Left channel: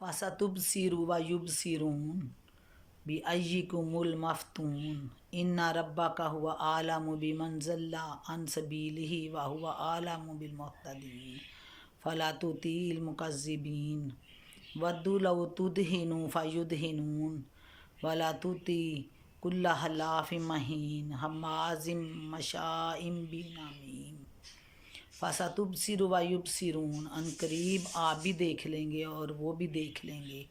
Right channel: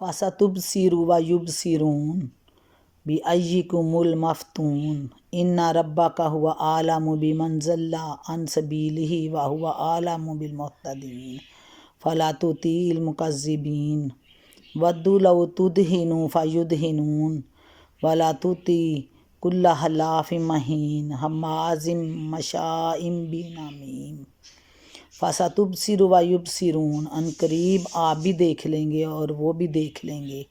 فَسَتُبْصِرُ وَيُبْصِرُونَ بِأَيِّكُمُ الْمَفْتُونُ إِنَّ رَبَّكَ هُوَ أَعْلَمُ بِمَنْ ضَلَّ عَنْ سَبِيلِهِ وَهُوَ أَعْلَمُ بِالْمُهْتَدِينَ فَلَا تُطِعِ الْمُكَذِّبِينَ وَدُّوا لَوْ تُدْهِنُ فَيُدْهِنُونَ وَلَا تُطِعْ كُلَّ حَلَّافٍ مَّهِینٍ ہَمَّازٍ مَّشَّاءٍ بِنَمِیمٍ فَسَتُبْصِرُ وَیُبْصِرُونَ ان قریب آپ بھی دیکھ لیں گے اور وہ بھی دیکھ لیں گے۔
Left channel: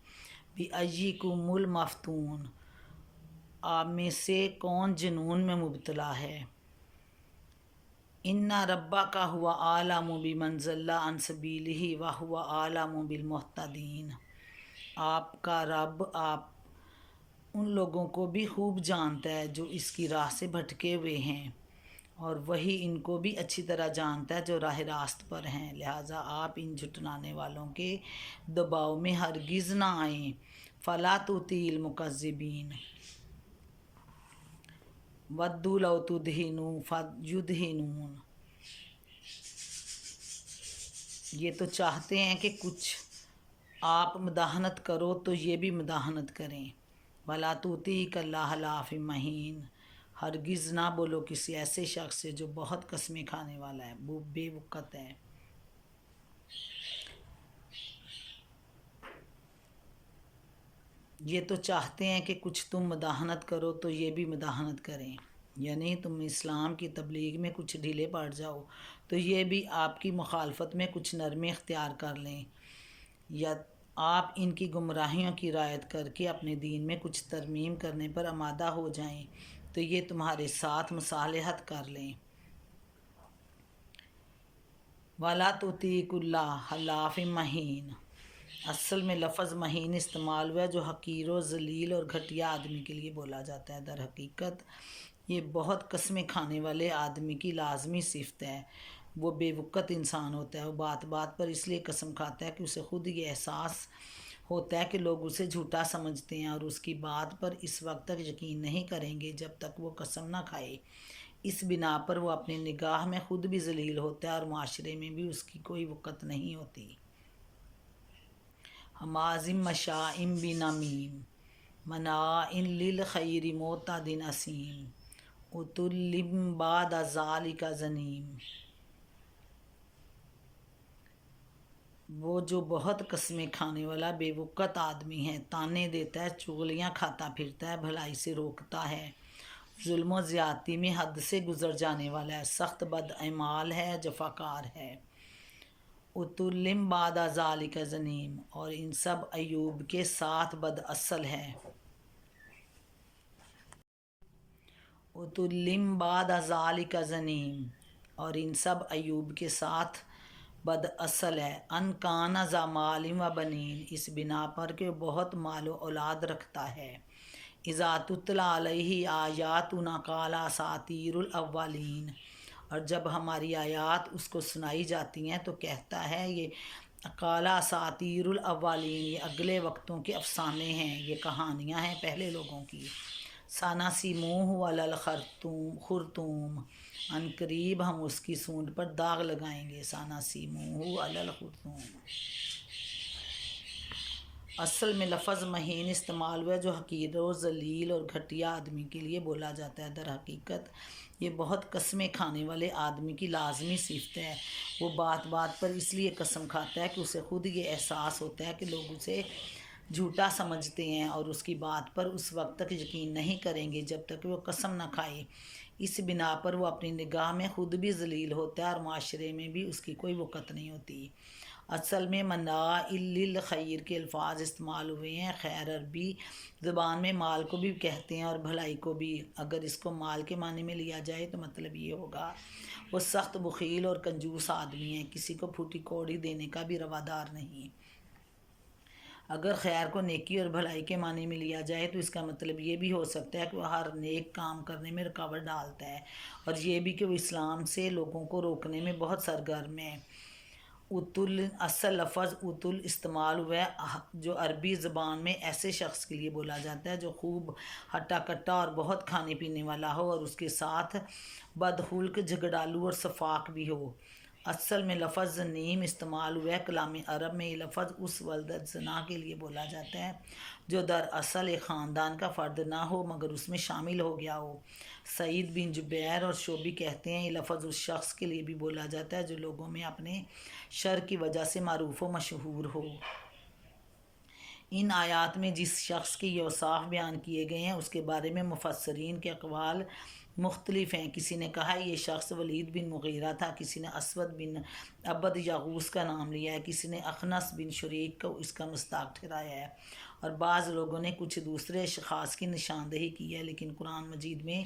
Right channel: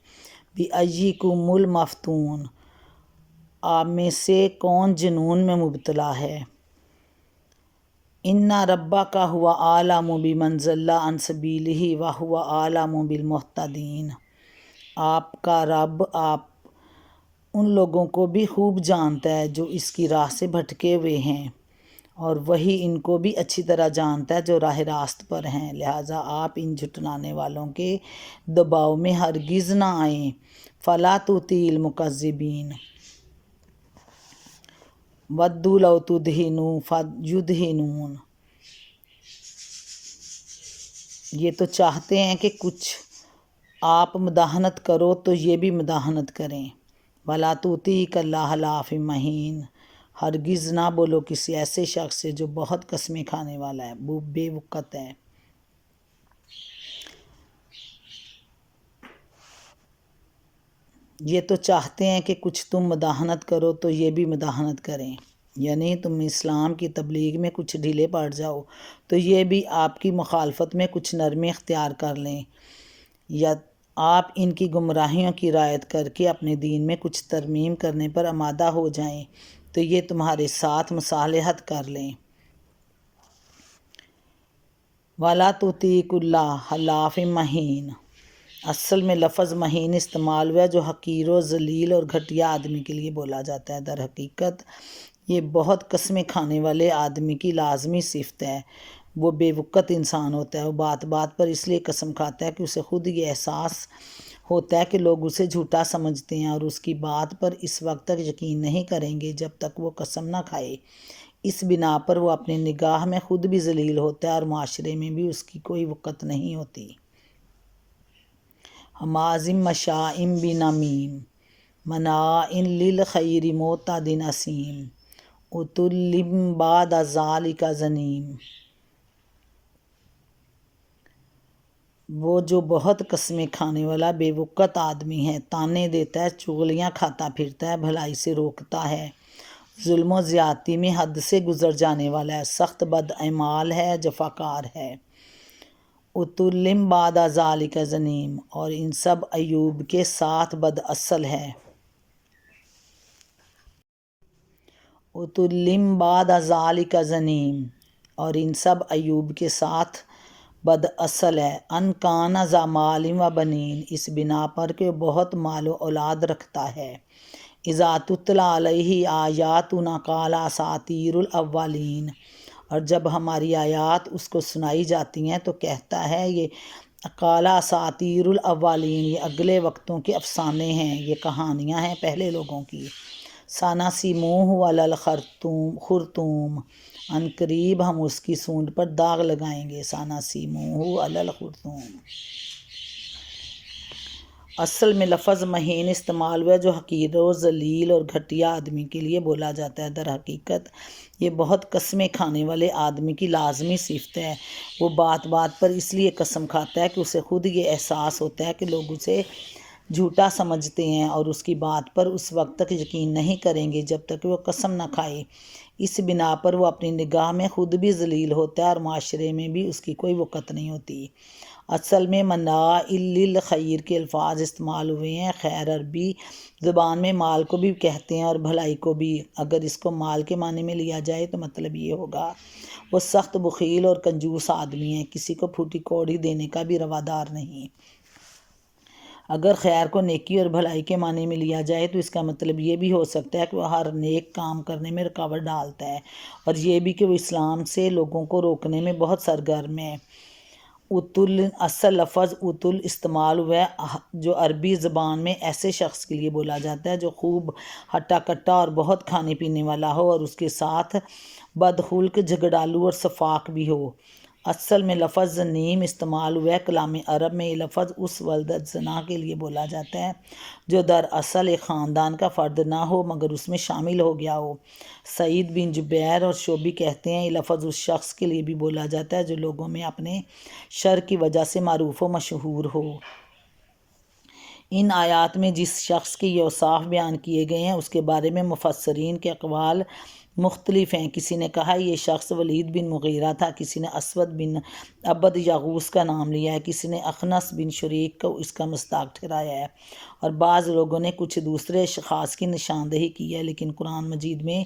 بِأَیِّکُمُ الْمَفْتُونُ آپ میں سے کون جنون میں مبتلا ہے۔ إِنَّ رَبَّکَ هُوَ أَعْلَمُ بِمَنْ ضَلَّ عَنْ سَبِیلِهِ وَهُوَ أَعْلَمُ بِالْمُهْتَدِينَ آپ کا رب آپ ان لوگوں کو بھی خوب جانتا ہے جو اس کی راہ سے بھٹکے ہوئے ہیں، اور وہی ان کو بھی اچھی طرح جانتا ہے جو راہ راست پر ہیں، لہٰذا آپ ان جھٹلانے والوں کے دباؤ میں ہرگز نہ آئیں۔ فَلَا تُطِعِ الْمُكَذِّبِينَ وَدُّوا لَوْ تُدْہِنُ فَیُدْہِنُونَ یہ تو چاہتے ہیں کہ کچھ آپ مداحنت کرو تو یہ بھی مداحنت کریں۔ وَلَا تُطِعْ كُلَّ حَلَّافٍ مَّهِینٍ ہرگز نہ بولو کسی ایسے شخص سے جو بہت قسمیں کھانے والا ہے، وہ بے وقت ہے۔ یہ تو چاہتے ہیں کہ کچھ تم مداحنت کرو تو یہ بھی مداحنت کریں، یعنی تم اسلام کی تبلیغ میں کچھ ڈھیلے پڑ جاؤ تو یہ بھی آپ کی مخالفت میں کچھ نرمی اختیار کر لیں، یا آپ ان کی گمراہیوں کی رعایت کر کے اپنے دین میں کچھ ترمیم کرنے پر آمادہ ہو جائیں تو یہ تمہارے ساتھ مصالحت کر لیں۔ وَلَا تُطِعْ كُلَّ حَلَّافٍ مَّهِینٍ اصل میں لفظ مہین استعمال ہوا ہے جو حقیر و ذلیل اور گھٹیا آدمی کے لیے بولا جاتا ہے۔ در حقیقت یہ بہت قسمیں کھانے والے آدمی کی لازمی صفت ہے۔ وہ بے وقت انسان ہوتا ہے، وہ بات بات پر اس لیے قسم کھاتا ہے کہ اسے خود یہ احساس ہوتا ہے کہ لوگ اسے جھوٹا سمجھتے ہیں اور اس کی بات پر اس وقت تک یقین نہیں کریں گے جب تک وہ قسم نہ کھائے۔ اس بنا پر وہ اپنی نگاہ میں خود بھی ذلیل ہوتا ہے اور معاشرے میں بھی اس کی کوئی وقت نہیں ہوتی۔ ہَمَازٍ مَّشَّاءٍ بِنَمِیمٍ مَّنَّاعٍ لِّلْخَیْرِ مُعْتَدٍ أَثِیمٍ عُتُلٍّ بَعْدَ ذَٰلِکَ زَنِیمٍ وہ جو بہت قسمیں کھانے والا بے وقت آدمی ہے، تانے دیتا ہے، چغلیاں کھاتا پھرتا ہے، بھلائی سے روکتا ہے، ظلم و زیادتی میں حد سے گزر جانے والا ہے، سخت بد اعمال ہے، جفاکار ہے۔ عُتُلٍّ بَعْدَ ذَٰلِکَ زَنِیمٍ اور ان سب عیوب کے ساتھ بد اصل ہے۔ عُتُلٍّ بَعْدَ ذَٰلِکَ زَنِیمٍ اور ان سب عیوب کے ساتھ بد اصل ہے۔ ان کان ذا مال و بنین اس بنا پر کہ وہ بہت مال و اولاد رکھتا ہے۔ اذا تتلی علیہ آیاتنا قال اساطیر الاولین اور جب ہماری آیات اس کو سنائی جاتی ہیں تو کہتا ہے یہ قال اساطیر الاولین یہ اگلے وقتوں کے افسانے ہیں، یہ کہانیاں ہیں پہلے لوگوں کی۔ سنسمہ علی الخرطوم ان قریب ہم اس کی سونڈ پر داغ لگائیں گے۔ سنسمہ علی الخرطوم اصل میں لفظ مہین استعمال ہوا ہے جو حقیر و ذلیل اور گھٹیا آدمی کے لیے بولا جاتا ہے۔ در حقیقت یہ بہت قسمیں کھانے والے آدمی کی لازمی صفت ہے۔ وہ بات بات پر اس لیے قسم کھاتا ہے کہ اسے خود یہ احساس ہوتا ہے کہ لوگ اسے جھوٹا سمجھتے ہیں اور اس کی بات پر اس وقت تک یقین نہیں کریں گے جب تک وہ قسم نہ کھائے۔ اس بنا پر وہ اپنی نگاہ میں خود بھی ذلیل ہوتا ہے اور معاشرے میں بھی اس کی کوئی وقت نہیں ہوتی۔ اصل میں مناع للخیر کے الفاظ استعمال ہوئے ہیں۔ خیر عربی زبان میں مال کو بھی کہتے ہیں اور بھلائی کو بھی۔ اگر اس کو مال کے معنی میں لیا جائے تو مطلب یہ ہوگا وہ سخت بخیل اور کنجوس آدمی ہے، کسی کو پھوٹی کوڑی دینے کا بھی روادار نہیں۔ اگر خیر کو نیکی اور بھلائی کے معنی میں لیا جائے تو اس کا مطلب یہ بھی ہو سکتا ہے کہ وہ ہر نیک کام کرنے میں رکاوٹ ڈالتا ہے، اور یہ بھی کہ وہ اسلام سے لوگوں کو روکنے میں بہت سرگرم ہے۔ عُتُل اصل لفظ عُتُل استعمال ہوا ہے جو عربی زبان میں ایسے شخص کے لیے بولا جاتا ہے جو خوب ہٹا کٹا اور بہت کھانے پینے والا ہو اور اس کے ساتھ بدخلق، جھگڑالو اور سفاک بھی ہو۔ اصل میں لفظ نیم استعمال ہوا ہے کلام عرب میں۔ یہ لفظ اس ولدت زنا کے لیے بولا جاتا ہے جو دراصل ایک خاندان کا فرد نہ ہو مگر اس میں شامل ہو گیا ہو۔ سعید بن جبیر اور شعبی کہتے ہیں یہ لفظ اس شخص کے لیے بھی بولا جاتا ہے جو لوگوں میں اپنے شر کی وجہ سے معروف و مشہور ہو۔ ان آیات میں جس شخص کے یہ اوصاف بیان کیے گئے ہیں اس کے بارے میں مفسرین کے اقوال مختلف ہیں۔ کسی نے کہا یہ شخص ولید بن مغیرہ تھا، کسی نے اسود بن عبد یغوث کا نام لیا ہے، کسی نے اخنس بن شریک کو اس کا مصداق ٹھہرایا ہے، اور بعض لوگوں نے کچھ دوسرے اشخاص کی نشاندہی کی ہے، لیکن قرآن مجید میں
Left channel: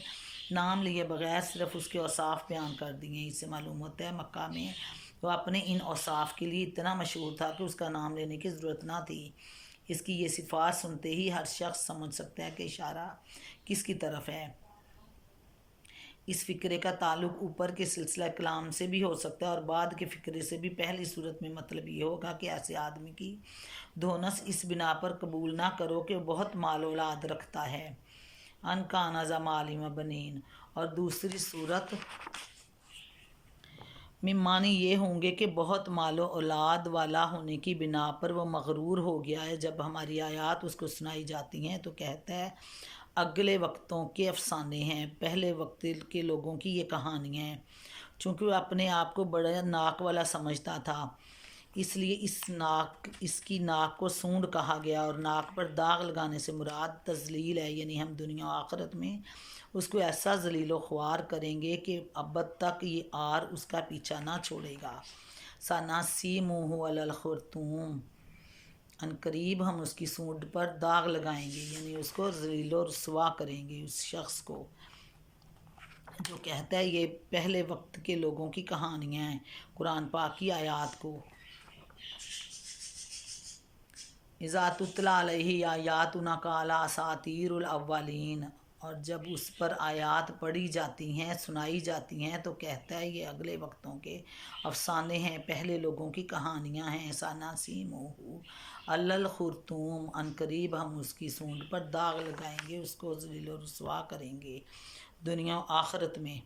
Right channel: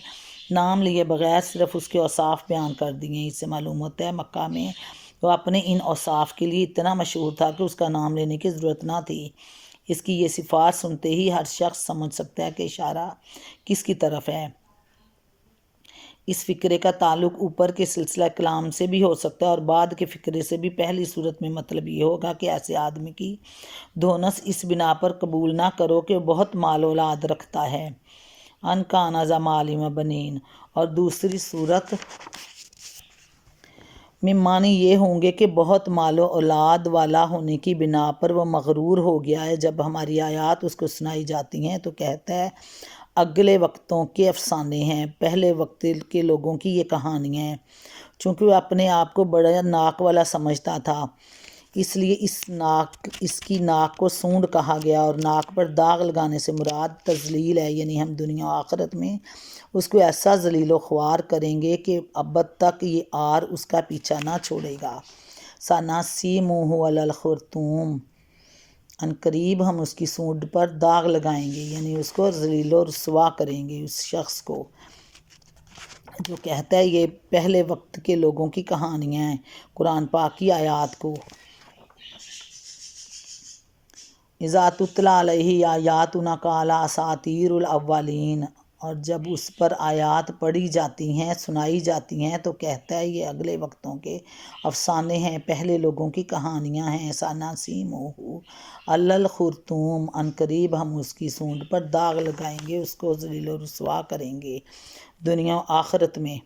نام لیے بغیر صرف اس کے اوصاف بیان کر دیے ہیں۔ اس سے معلوم ہوتا ہے مکہ میں وہ اپنے ان اوصاف کے لیے اتنا مشہور تھا کہ اس کا نام لینے کی ضرورت نہ تھی۔ اس کی یہ صفات سنتے ہی ہر شخص سمجھ سکتا ہے کہ اشارہ کس کی طرف ہے۔ اس فقرے کا تعلق اوپر کے سلسلہ کلام سے بھی ہو سکتا ہے اور بعد کے فقرے سے بھی۔ پہلی صورت میں مطلب یہ ہوگا کہ ایسے آدمی کی دھونس اس بنا پر قبول نہ کرو کہ وہ بہت مال و اولاد رکھتا ہے، ان کان ذا مال و بنین، اور دوسری صورت میں معنی یہ ہوں گے کہ بہت مال و اولاد والا ہونے کی بنا پر وہ مغرور ہو گیا ہے۔ جب ہماری آیات اس کو سنائی جاتی ہیں تو کہتا ہے اگلے وقتوں کے افسانے ہیں، پہلے وقت کے لوگوں کی یہ کہانیاں ہیں۔ چونکہ وہ اپنے آپ کو بڑا ناک والا سمجھتا تھا اس لیے اس کی ناک کو سونڈ کہا گیا، اور ناک پر داغ لگانے سے مراد تذلیل ہے، یعنی ہم دنیا و آخرت میں اس کو ایسا ذلیل و خوار کریں گے کہ ابد تک یہ آر اس کا پیچھا نہ چھوڑے گا۔ سَنَسِیمُهُ عَلَى الْخُرْطُومِ، ان قریب ہم اس کی سونڈ پر داغ لگائیں گے، یعنی اس کو ذلیل و رسوا کریں گے اس شخص کو جو کہتا ہے یہ پہلے وقت کے لوگوں کی کہانیاں ہیں۔ قرآن پاک کی آیات کو اذا تتلی علیہ آیاتنا قال اساطیر الاولین، اور جب اس پر آیات پڑھی جاتی ہیں، سنائی جاتی ہیں تو کہتا ہے یہ اگلے وقتوں کے افسانے ہیں، پہلے لوگوں کی کہانیاں ہیں۔ سَنَسِیمُهُ عَلَى الْخُرْطُومِ، ان قریب ہم اس کی سونڈ پر داغ لگائیں گے، اس کو ذلیل و رسوا کریں گے دنیا و آخرت میں۔